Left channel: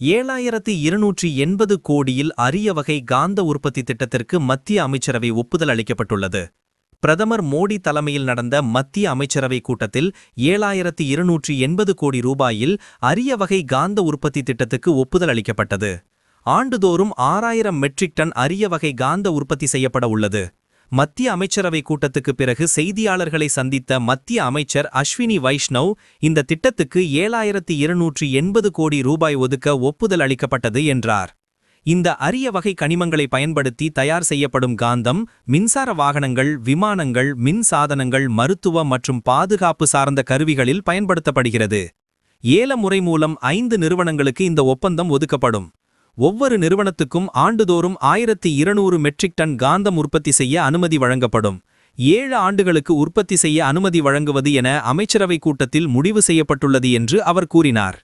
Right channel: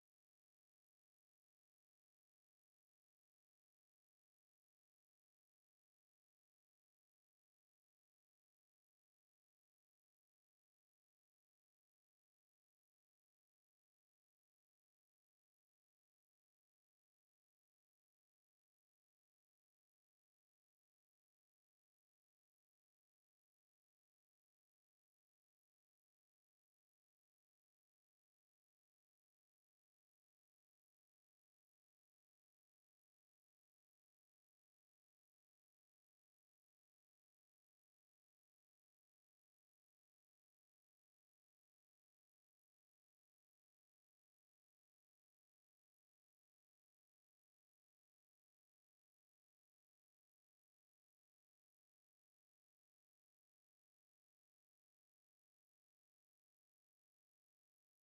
7280 கோடியில் அரிய வகை காந்த உற்பத்தி திட்டத்திற்கு மத்திய அமைச்சரவை ஒப்புதல் அளிக்கப்பட்டுள்ளது. பிரதமர் மோடி தலைமையில் நடந்த மத்திய அமைச்சரவை கூட்டத்தில் 7280 கோடி ரூபாயில் அரிய வகை காந்த உற்பத்தி திட்டத்துக்கு ஒப்புதல் அளிக்கப்பட்டது. ஆண்டுதோறும் 6000 மெட்ரிக் டன் அரிய வகை காந்த உற்பத்தி செய்யப்பட உள்ளது. மத்திய அமைச்சரவை கூட்டத்துக்கு பிறகு செய்தியாளர்களை சந்தித்த மத்திய அமைச்சர் அஸ்வினி வைஷ்ணவ், இந்த திட்டத்துக்கு 7280 கோடி ரூபாய் ஒதுக்க ஒப்புதல் அளிக்கப்பட்டது என்றார். இந்த அரிய வகை கனிமங்களை பயன்படுத்தி தயார் செய்யப்படும் காந்தம் மின்சார வாகனங்கள், விமானங்கள், மின் சாதனங்கள், மருத்துவ மற்றும் பாதுகாப்பு சார்ந்த கருவிகளில் பயன்படுத்தப்படுகிறது. ஏல முறை மூலம் 5 நிறுவனங்களுக்கு இந்த ஒப்பந்தம் ஒதுக்கப்படும். ஒவ்வொரு நிறுவனத்துக்கும் ஆண்டுதோறும் 1200 மெட்ரிக் டன் காந்தம் உற்பத்தி செய்ய அனுமதி வழங்கப்படும். 7 ஆண்டுகளுக்கு உற்பத்தி செய்ய அனுமதி வழங்குவது என அமைச்சரவை கூட்டத்தில் முடிவு செய்யப்பட்டுள்ளது என்று அவர் கூறினார்.